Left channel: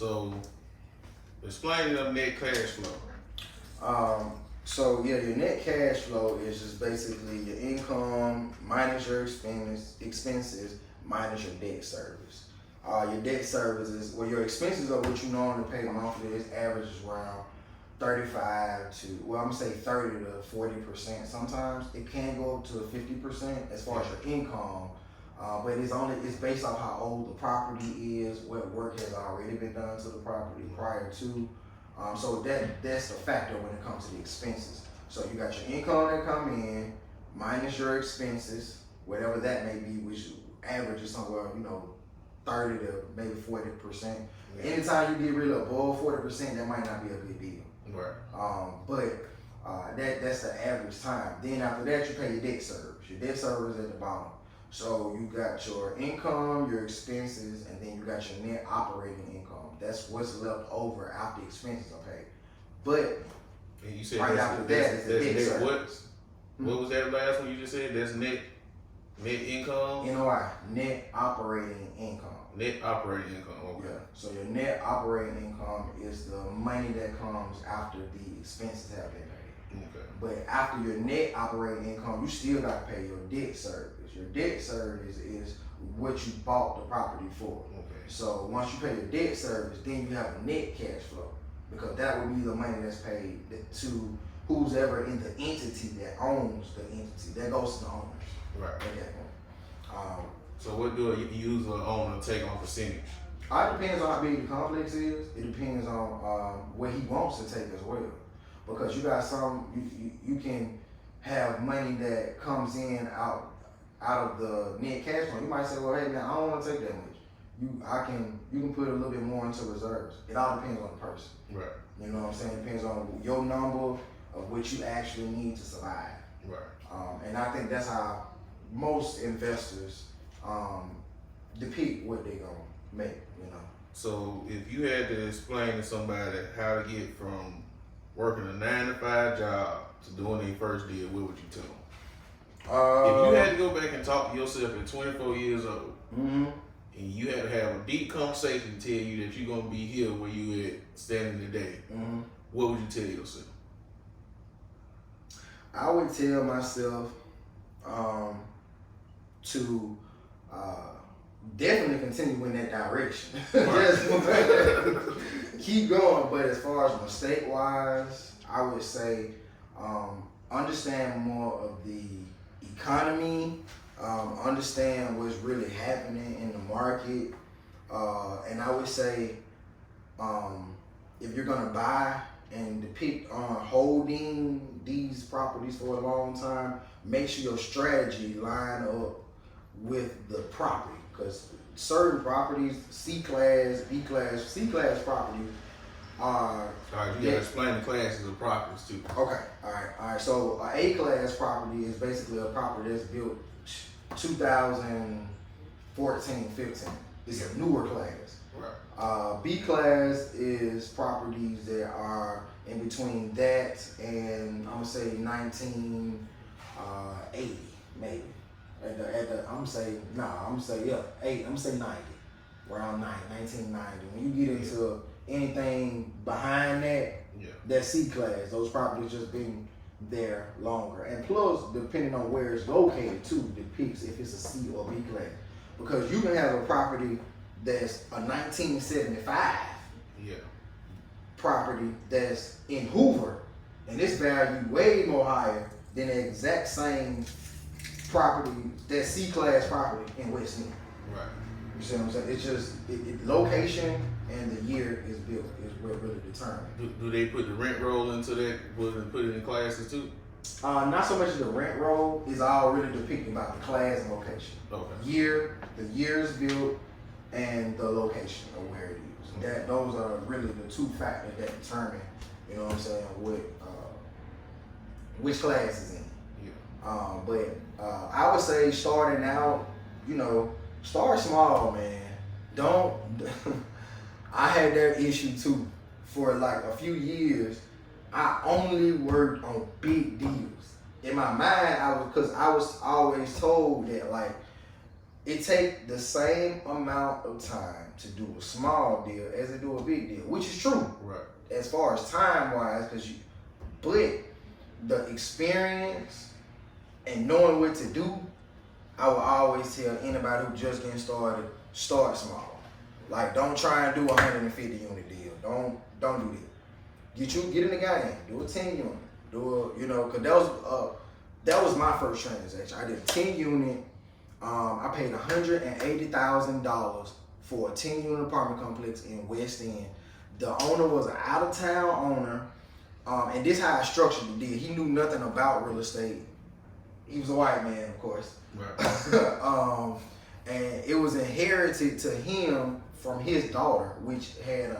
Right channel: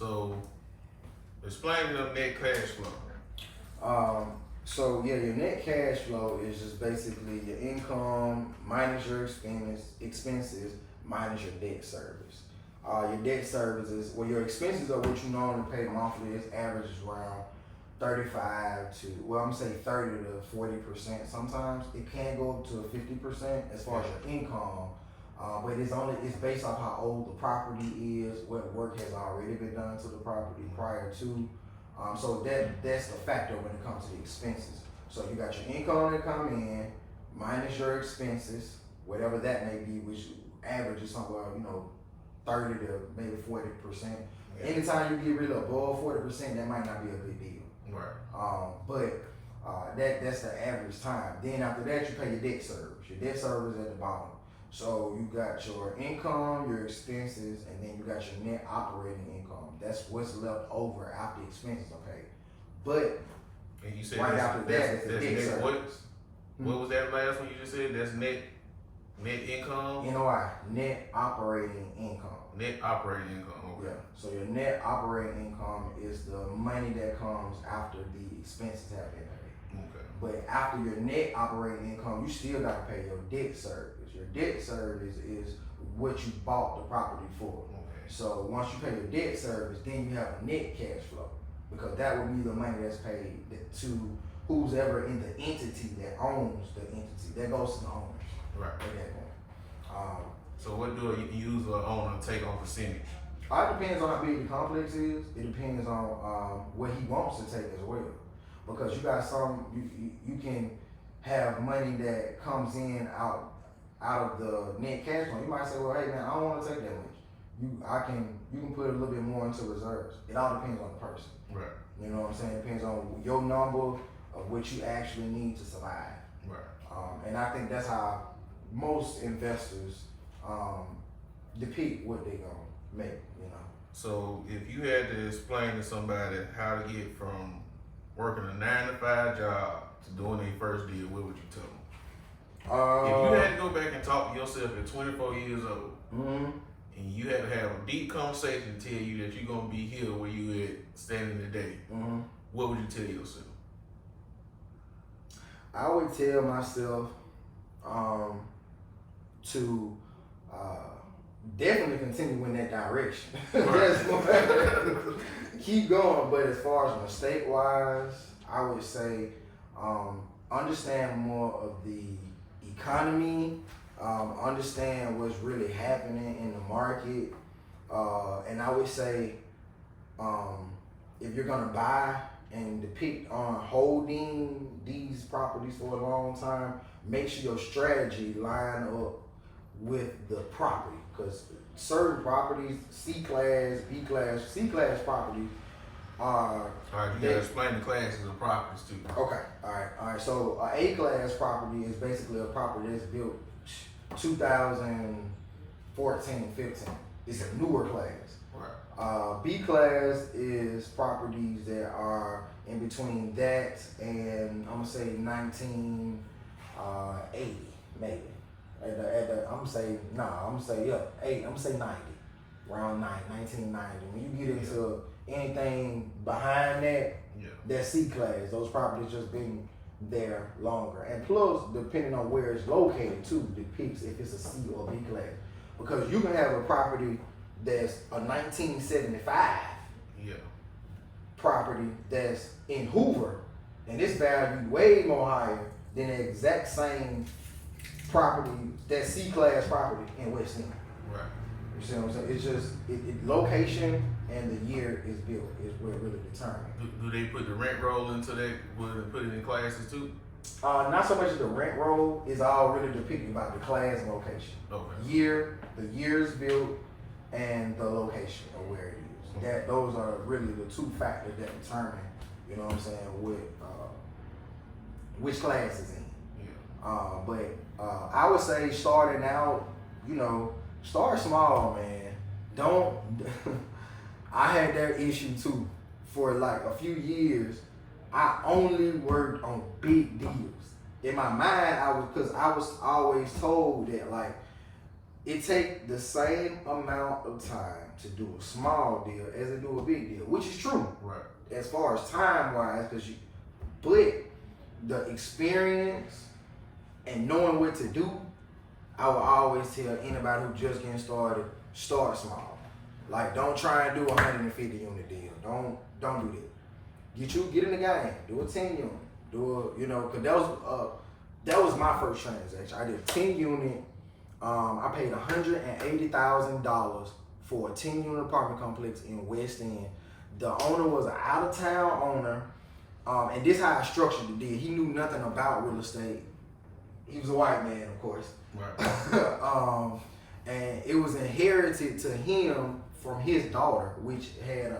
So explain the net cash flow. So your net cash flow is just basically your income minus your expenses minus your debt service. Your debt service is, well, your expenses are what you normally pay monthly. Is averages around 35 to, well, I'm gonna say 30 to 40%. Sometimes it can go up to 50% as far as your income. But it's based off how old the property is, what work has already been done to the property prior to. So that's the factor when it comes to the expenses. So you got your income that come in minus your expenses, whatever that may be, which averages somewhere, 30 to maybe 40%. Yeah. Anytime you get really above 40%, that might not be a good deal. Right. But that's the average time. Then after that, you pay your debt service. Your debt service is at the bottom. So you got your income, your expenses, and then you got your net operating income. That's what's left over after expenses are paid. But and you said right after that is the debt service. What was that last one you just said? That's net income? NOI, net operating income. Net operating income, okay. Yeah. So your net operating income is the money that comes after the expenses have been paid. Okay. But after your net operating income, you still got to pay your debt service. Your debt service is what you bought the property for. Okay. So once you pay your debt service, then you have a net cash flow, because that would be the money that's paid to who's ever in the entity that owns the entity. That goes to the owners. Right. At that point. So what do a user owner take on percentage? It depends on how big the complex is. It depends on what he wants to take as well. Because you got you can have money that comes in out of the net cash flow. You might say, well, hey man, I don't want to take that much. You can put a little bit more into reserves. It all depends on the person. Right. You know what I'm saying? It depends on your number of what you actually need to survive. Right. And I think that's how most investors depict what they're gonna make. So if you had to explain to somebody how to get from working a 9-to-5 job to doing their first deal, what would you tell them? If you had to go back and talk to yourself at 24 years old, and you had to have a deep conversation to tell you that you're gonna be here where you at standing today, what would you tell yourself? I would tell myself to definitely continue in that direction. Keep going, but as far as mistake wise, I would say understand more of the economy, understand what's really happening in the market, and I would say if you're gonna buy and depict on holding these properties for a long time, make sure your strategy line up with the property, because certain properties, C-class, B-class, C-class properties are... All right, you gotta explain the classes of properties too. Okay, all right. So an A-class property is basically a property that's built 2014, 15. It's a newer class. Right. B-class is properties that are in between that and I'm gonna say 1980 maybe. I'm gonna say 90, around 1990. When you get into anything behind that, that's C-class. Those properties just been there longer. And plus, depending on where it's located too, depicts if it's a C or B class. Because you can have a property that's a 1975 property that's in Hoover, and it's valued way more higher than the exact same property, that C-class property in West End. Right. You see what I'm saying? It's just location and the year is built is what really determines. Do they put the rent roll into that? Will they put it in classes too? Not so much the rent roll is all really depicting about the class and location. Okay. The years built, and the location of where it is. Okay. Those are really the two factors that determine, you know what I'm saying, which class is in. Yeah. But I would say starting out, start small, man. Don't. I had that issue too. For like a few years, I only worked on big deals. In my mind, I was always told that like it take the same amount of time to do a small deal as they do a big deal, which is true. Right. As far as time wise, but the experience and knowing what to do, I will always tell anybody who just getting started, start small. Like, don't try and do a 150 unit deal. Don't do that. Get in the game. Do a 10 unit. Cause that was my first transaction. I did a 10 unit. I paid $180,000 for a 10 unit apartment complex in West End. The owner was an out of town owner, and this how I structured the deal. He knew nothing about real estate. He was a white man, of course. Right. And it was inherited to him from his daughter, which had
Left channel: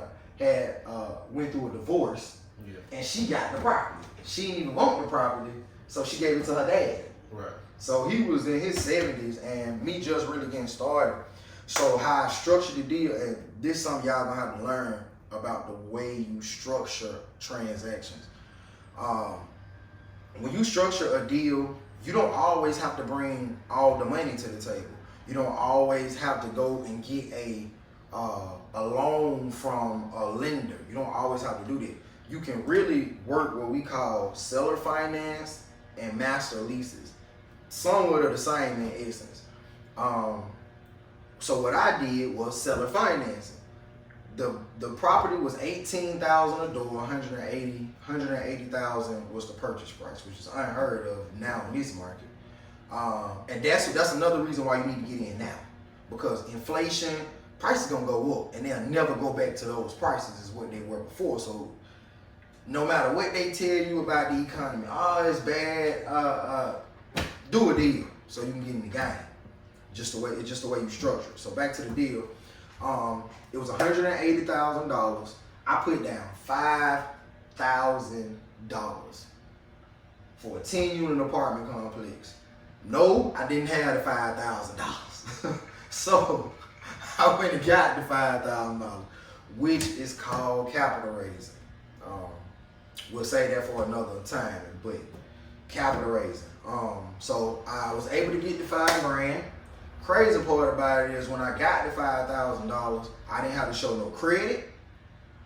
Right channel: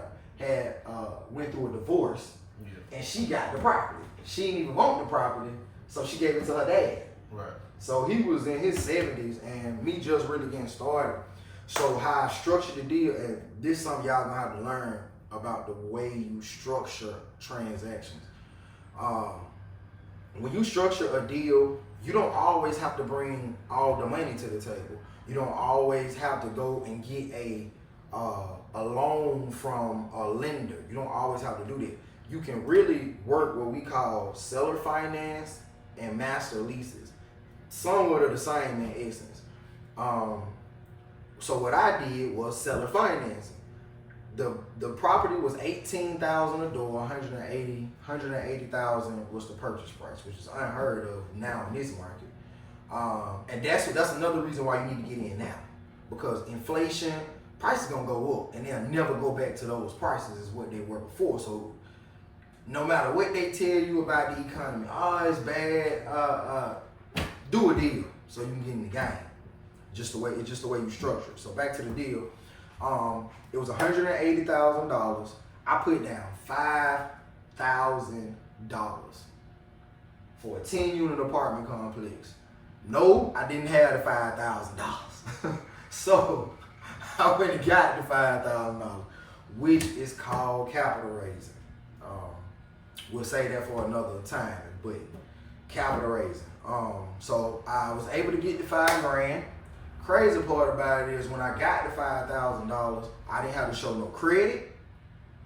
went through a divorce, and she got the property. She didn't even want the property, so she gave it to her dad. Right. So he was in his 70s, and me just really getting started. So how I structured the deal, and this is something y'all gonna have to learn about the way you structure transactions. When you structure a deal, you don't always have to bring all the money to the table. You don't always have to go and get a loan from a lender. You don't always have to do that. You can really work what we call seller finance and master leases. Somewhat of the same in essence. So what I did was seller financing. The property was $18,000 a door, $180,000 was the purchase price, which is unheard of now in this market. And that's another reason why you need to get in now, because inflation, prices gonna go up, and they'll never go back to those prices as what they were before. So no matter what they tell you about the economy, it's bad, do a deal so you can get in the game. Just the way you structure it. So back to the deal. It was $180,000. I put down $5,000 for a 10 unit apartment complex. No, I didn't have the $5,000. So I went and got the $5,000, which is called capital raising. We'll say that for another time, but capital raising. So I was able to get the $5,000. Crazy part about it is when I got the $5,000, I didn't have to show no credit.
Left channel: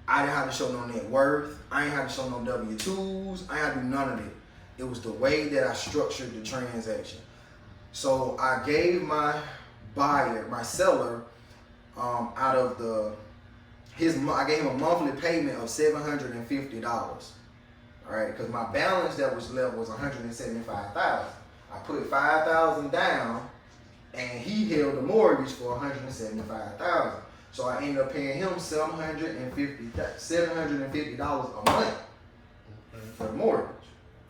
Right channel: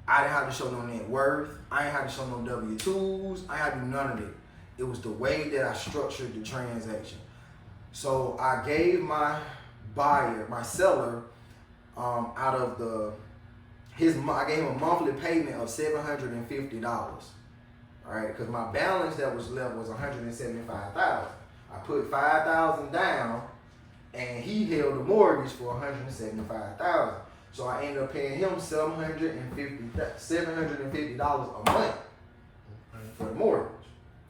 I didn't have to show no net worth. I didn't have to show no W-2s. I didn't have to do none of it. It was the way that I structured the transaction. So I gave my seller, I gave him a monthly payment of $750. All right, because my balance that was left was $175,000. I put $5,000 down, and he held the mortgage for $175,000. So I ended up paying him $750 a month for the mortgage.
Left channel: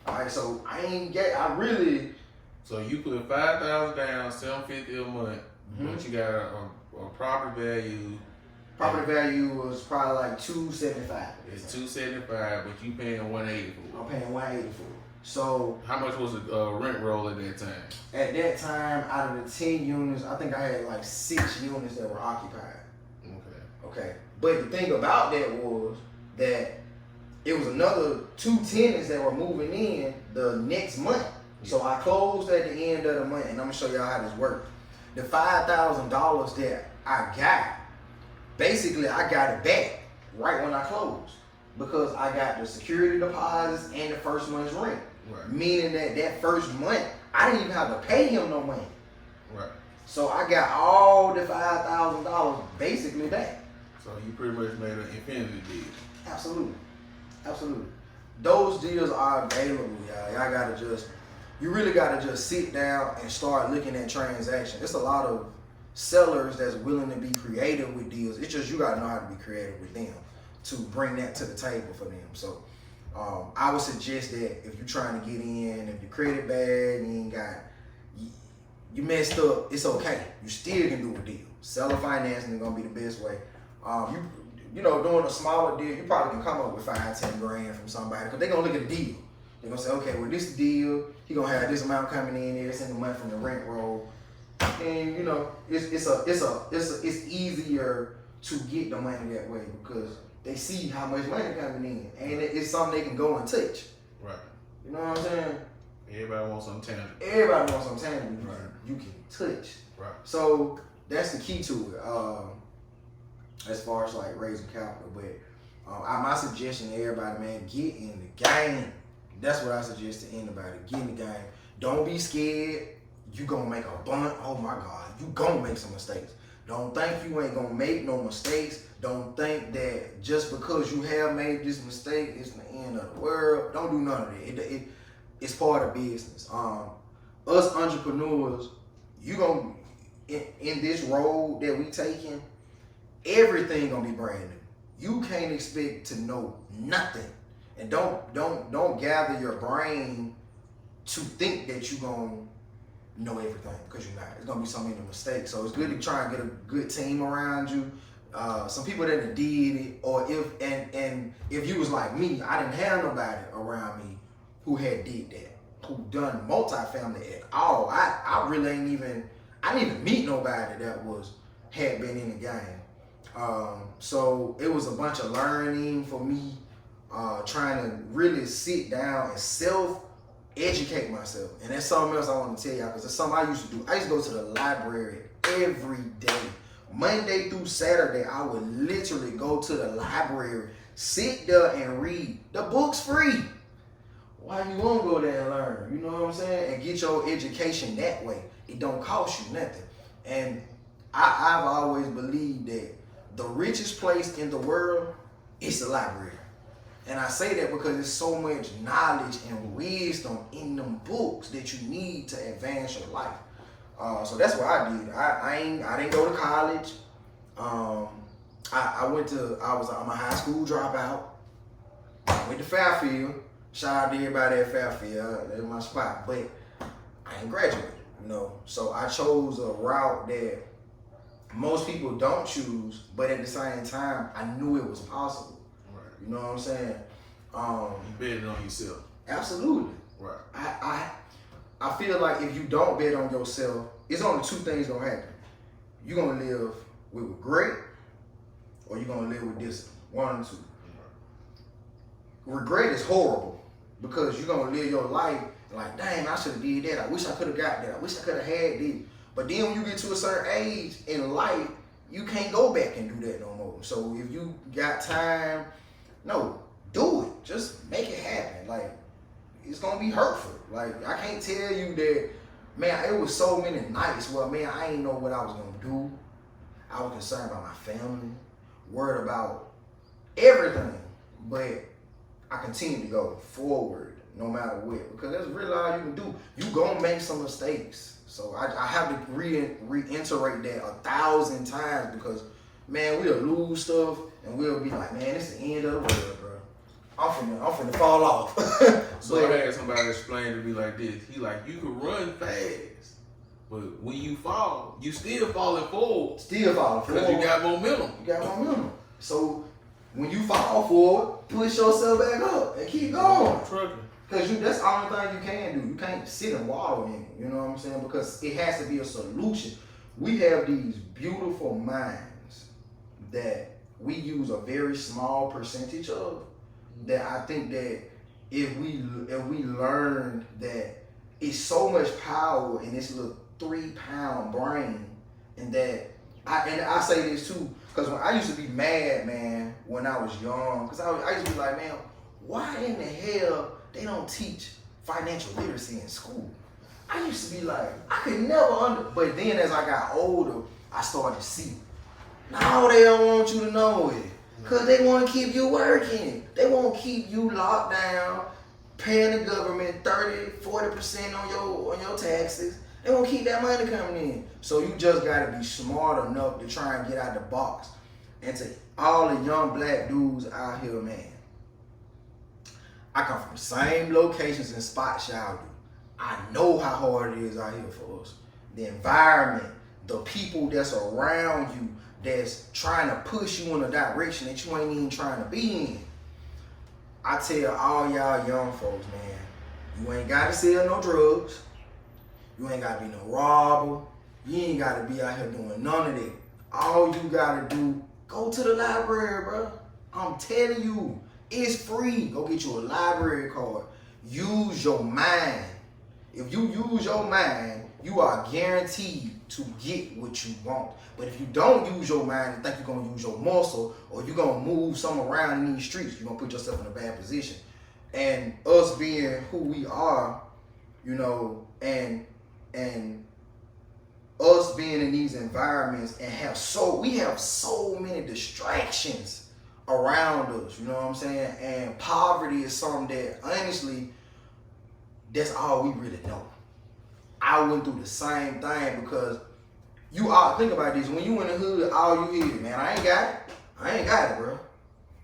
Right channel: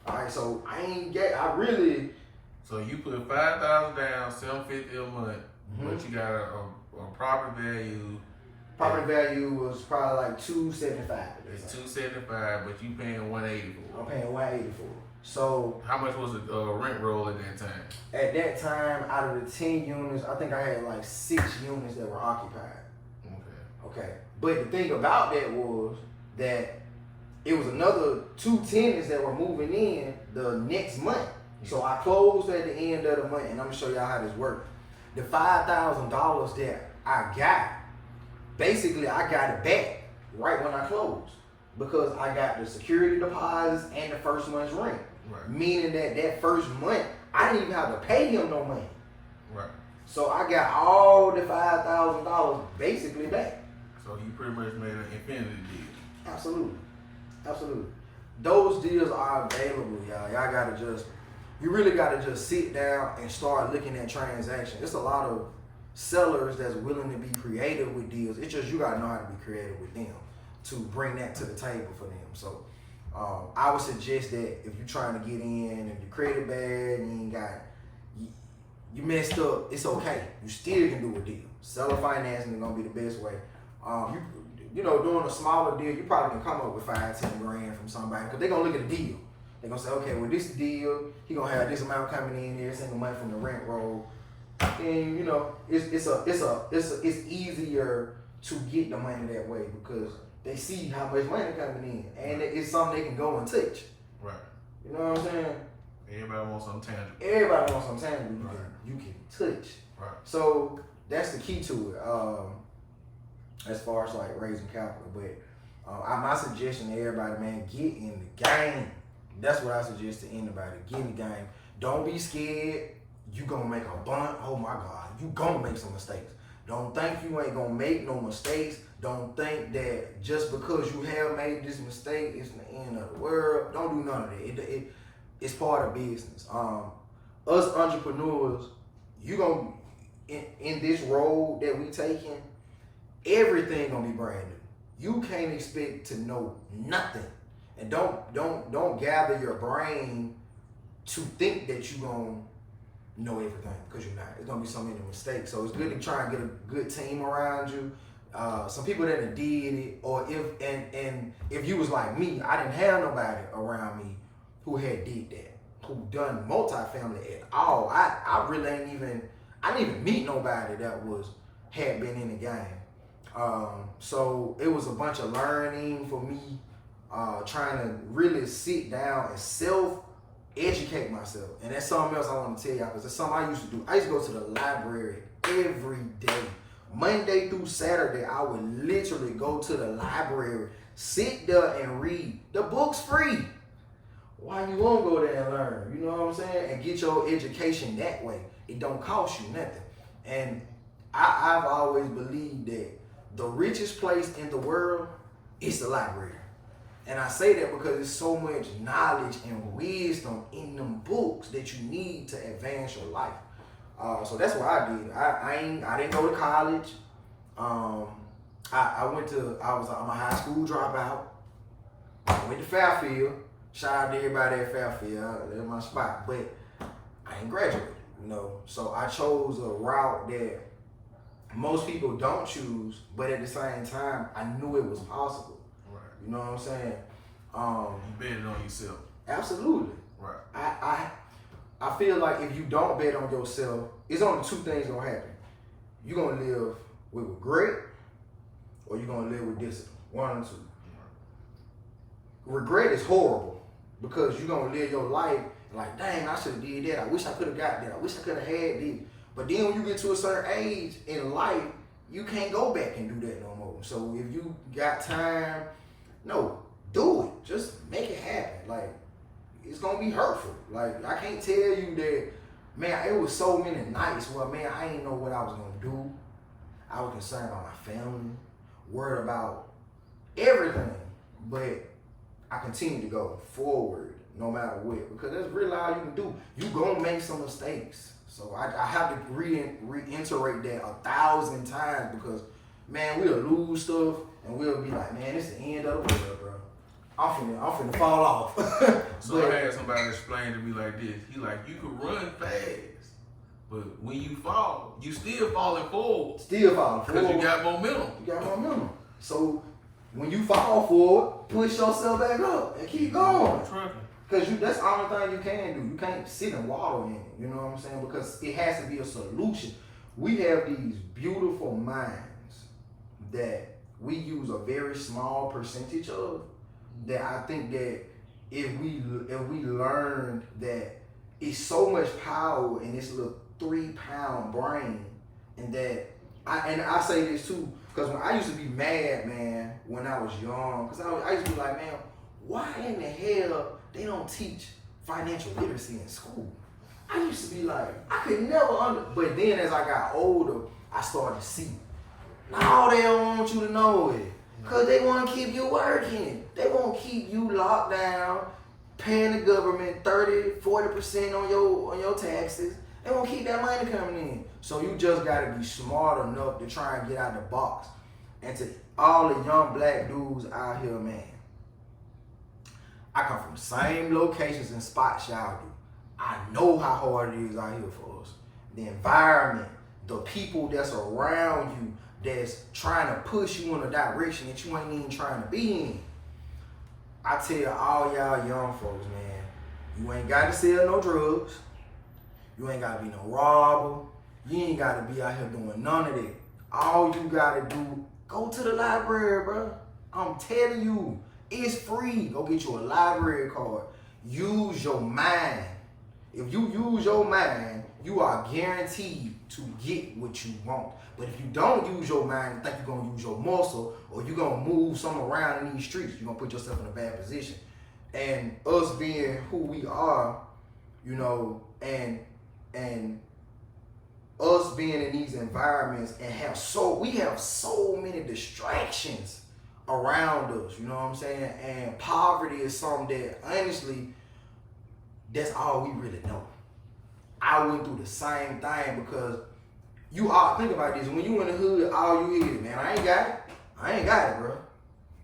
All right, so So you put $5,000 down, $750 a month, but you got a property value. Property value was probably like $275. It's $275, but you paying $180 for it. I'm paying $180 for it. So how much was the rent roll at that time? At that time, out of the 10 units, I think I had like 6 units that were occupied. Okay. But the thing about that was that it was another 2 tenants that were moving in the next month. So I closed at the end of the month, and I'm gonna show y'all how this worked. The $5,000 that I got, basically I got it back right when I closed, because I got the security deposits and the first month's rent. Right. Meaning that first month, I didn't even have to pay him no money. Right. So I got all the $5,000 basically back. So you pretty much made an infinity deal. Absolutely. Those deals are available, y'all. You really gotta just sit down and start looking at transactions. It's a lot of sellers that's willing to be creative with deals. It's just you gotta know how to be creative with them to bring that to the table for them. So I would suggest that if you're trying to get in, if your credit bad and you messed up, it's okay. You still can do a deal. Seller financing is gonna be the best way. Doing a smaller deal, you probably can come up with $5-10 grand from somebody, because they're gonna look at the deal. They're gonna say, okay, well, this deal, he gonna have this amount coming in every single month from the rent roll, and it's easier to get the money that way because they see how much money coming in, and it's something they can go and touch. Right. You know what I'm saying? Everybody wants something tangible. Everybody wants something tangible you can touch. Right. So that's the key to it. as far as like raising capital. But my suggestion to everybody, man, get in the game. That's what I suggest to anybody. Get in the game. Don't be scared. You gonna make a bunch. Oh my God, you gonna make some mistakes. Don't think you ain't gonna make no mistakes. Don't think that just because you have made this mistake, it's the end of the world. Don't do none of that. It's part of business. Us entrepreneurs, you gonna in this road that we taking, everything gonna be brand new. You can't expect to know nothing, and don't gather your brain to think that you gonna know everything, because you're not. There's gonna be so many mistakes. So it's good to try and get a good team around you. Some people that did it, or if you was like me, I didn't have nobody around me who had did that, who done multifamily at all. I really I didn't even meet nobody that had been in the game. So it was a bunch of learning for me, trying to really sit down and educate myself. And that's something else I want to tell y'all, because that's something I used to do. I used to go to the library every day. Monday through Saturday, I would literally go to the library, sit there and read. The book's free. Why you won't go there and learn? You know what I'm saying? And get your education that way. It don't cost you nothing. And I've always believed that the richest place in the world is the library. And I say that because there's so much knowledge and wisdom in them books that you need to advance your life. So that's what I did. I didn't go to college. I'm a high school dropout. I went to Fairfield. Shout out to everybody at Fairfield. That's my spot. But I ain't graduated, you know. So I chose a route that most people don't choose, but at the same time, I knew it was possible. Right. You know what I'm saying? You betting on yourself. Absolutely. Right. I feel like if you don't bet on yourself, it's only two things gonna happen. You're gonna live with regret, or you're gonna live with discipline. One or two. Right. Regret is horrible, because you're gonna live your life like, dang, I should have did that. I wish I could have got that. I wish I could have had this. But then when you get to a certain age in life, you can't go back and do that no more. So if you got time, no, do it. Just make it happen. Like, it's gonna be hurtful. Like, I can't tell you that, man, it was so many nights where, man, I didn't know what I was gonna do. I was concerned about my family, worried about everything. But I continue to go forward no matter what, because that's really all you can do. You gonna make some mistakes. So I have to reiterate that 1,000 times, because, man, we'll lose stuff and we'll be like, man, it's the end of the world, bro. I'm finna fall off. So I had somebody explain to me like this. He like, you can run fast, but when you fall, you still falling forward. Because you got momentum. So when you fall forward, push yourself back up and keep going. Because that's the only thing you can do. You can't sit and wallow in it. You know what I'm saying? Because it has to be a solution. We have these beautiful minds that we use a very small percentage of, that I think that if we learned that it's so much power in this little 3-pound brain, and that I say this too, because when I used to be mad, man, when I was young, because I used to be like, man, why in the hell they don't teach financial literacy in school? I used to be like, I could never but then as I got older, I started to see, no, they don't want you to know it. Because they want to keep you working. They want to keep you locked down, paying the government 30-40% on your taxes. They want to keep that money coming in. So you just got to be smart enough to try and get out the box. And to all the young black dudes out here, man, I come from the same locations and spots y'all do. I know how hard it is out here for us. The environment, the people that's around you, that's trying to push you in a direction that you ain't even trying to be in. I tell all y'all young folks, man, you ain't got to sell no drugs. You ain't got to be no robber. You ain't got to be out here doing none of that. All you got to do, go to the library, bro. I'm telling you, it's free. Go get you a library card. Use your mind. If you use your mind, you are guaranteed to get what you want. But if you don't use your mind and think you're gonna use your muscle, or you're gonna move something around in these streets, you're gonna put yourself in a bad position. And us being who we are, you know, and us being in these environments and we have so many distractions around us, you know what I'm saying? And poverty is something that honestly, that's all we really know. I went through the same thing because think about this, when you in the hood, all you hear, man, I ain't got it, bro.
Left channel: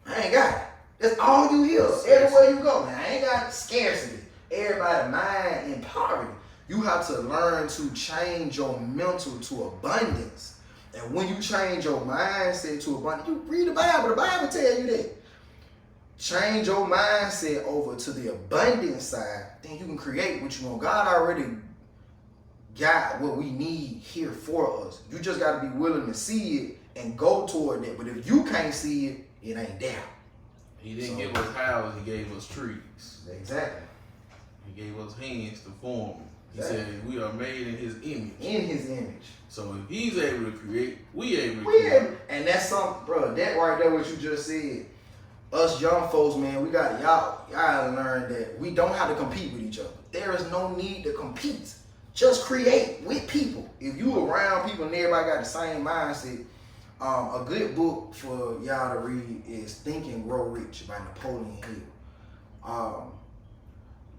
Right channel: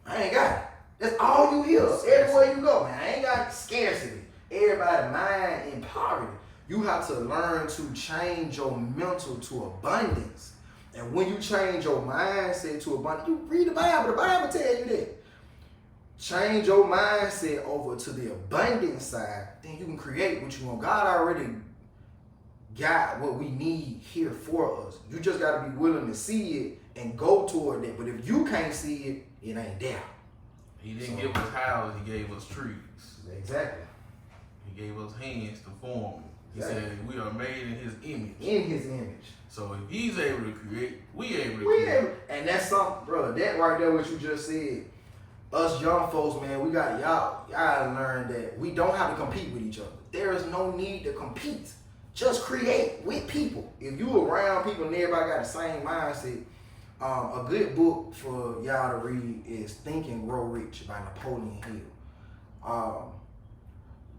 I ain't got it. That's all you hear. Everywhere you go, man, I ain't got scarcity. Everybody mind in poverty. You have to learn to change your mental to abundance. And when you change your mindset to abundance, you read the Bible tell you that. Change your mindset over to the abundance side, then you can create what you want. God already got what we need here for us. You just got to be willing to see it and go toward it. But if you can't see it, it ain't there. He didn't give us houses, he gave us trees. Exactly. He gave us hands to form. He said we are made in his image. In his image. So if he's able to create, we able to create. And that's something, bro, that right there what you just said. Us young folks, man, we got y'all gotta learn that we don't have to compete with each other. There is no need to compete. Just create with people. If you around people and everybody got the same mindset, a good book for y'all to read is Think and Grow Rich by Napoleon Hill.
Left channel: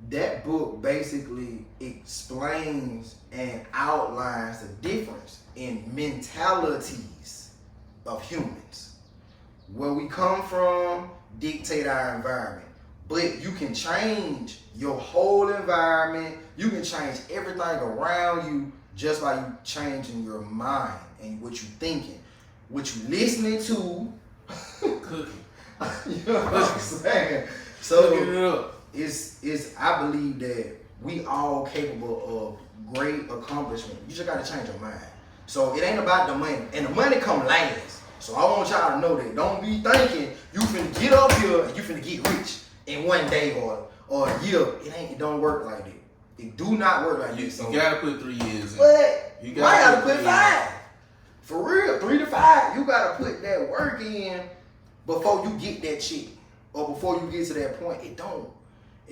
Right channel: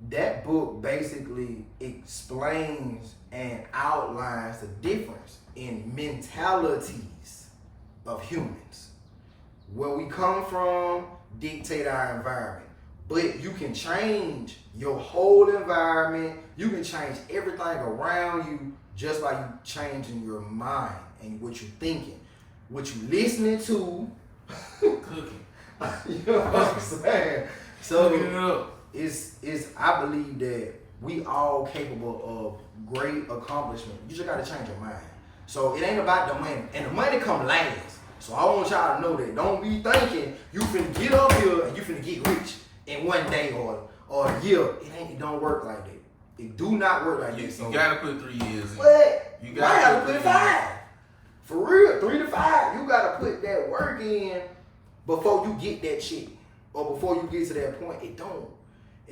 That book basically explains and outlines the difference in mentalities of humans. Where we come from dictate our environment. But you can change your whole environment. You can change everything around you just by you changing your mind and what you're thinking, what you're listening to. Cooking. You know what I'm saying? So it's I believe that we all capable of great accomplishment. You just gotta change your mind. So it ain't about the money. And the money come last. So I want y'all to know that. Don't be thinking you finna get up here and you finna get rich in one day or a year. It don't work like that. It do not work like that. You gotta put 3 years in. But You gotta put 5. For real, 3 to 5. You gotta put that work in before you get that shit. Or before you get to that point. It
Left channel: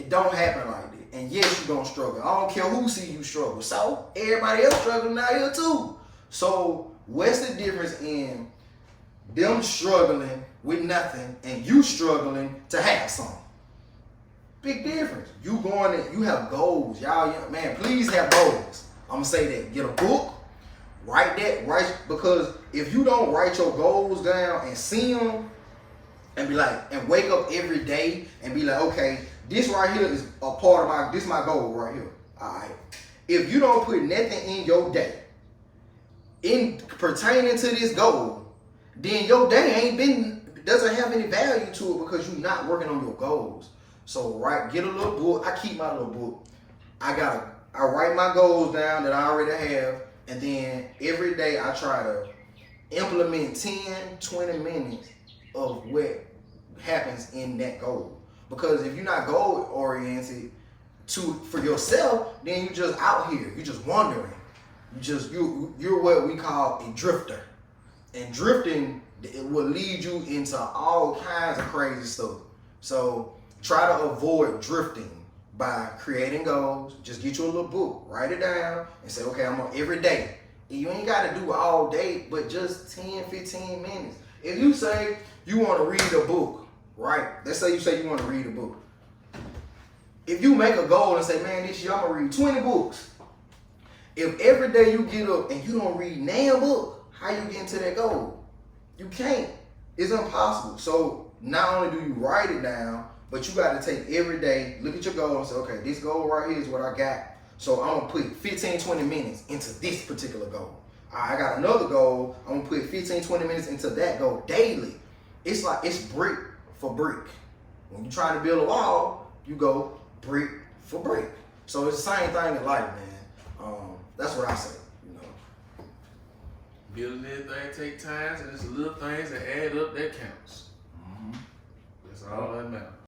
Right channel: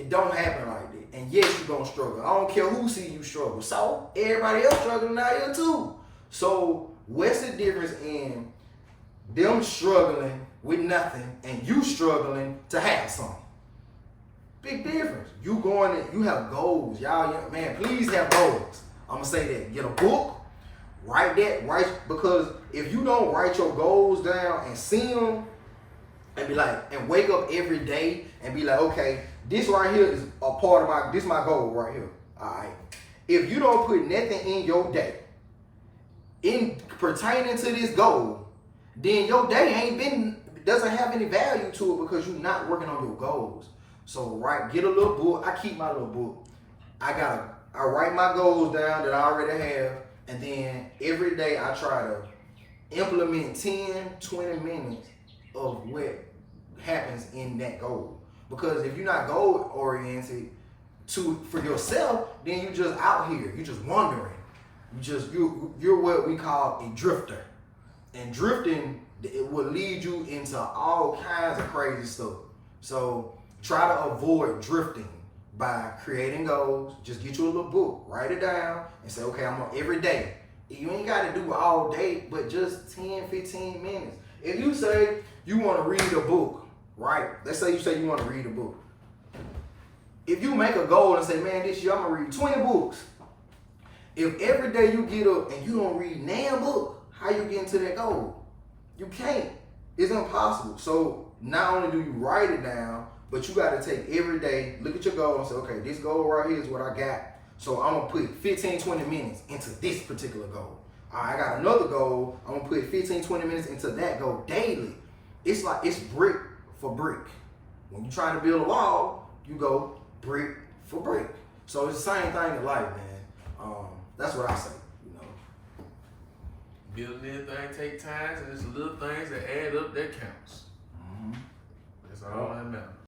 don't happen like that. And yes, you're gonna struggle. I don't care who see you struggle. So everybody else struggling out here too. So what's the difference in them struggling with nothing and you struggling to have something? Big difference. You going in, you have goals. Y'all, man, please have goals. I'm gonna say that. Get a book, write, because if you don't write your goals down and see them and be like, and wake up every day and be like, okay, this right here is a part of this my goal right here. All right. If you don't put nothing in your day in pertaining to this goal, then your day doesn't have any value to it because you're not working on your goals. So get a little book. I keep my little book. I write my goals down that I already have, and then every day I try to implement 10, 20 minutes of what happens in that goal. Because if you're not goal oriented for yourself, then you just out here. You just wandering. You're what we call a drifter. And drifting, it will lead you into all kinds of crazy stuff. So try to avoid drifting by creating goals. Just get you a little book, write it down, and say, okay, I'm on every day. You ain't got to do it all day, but just 10, 15 minutes. If you say you want to read a book, right? Let's say you want to read a book. If you make a goal and say, man, this year I'm going to read 20 books. If every day you get up and you don't read a book, how you get into that goal? You can't. It's impossible. So not only do you write it down, but you got to take every day, look at your goal and say, okay, this goal right here is what I got. So I'm going to put 15, 20 minutes into this particular goal. I got another goal. I'm going to put 15, 20 minutes into that goal daily. It's like, it's brick for brick. When you're trying to build a wall, you go brick for brick. So it's the same thing in life, man. That's what I say. Building anything take time, and it's little things that add up that counts. That's all that matters.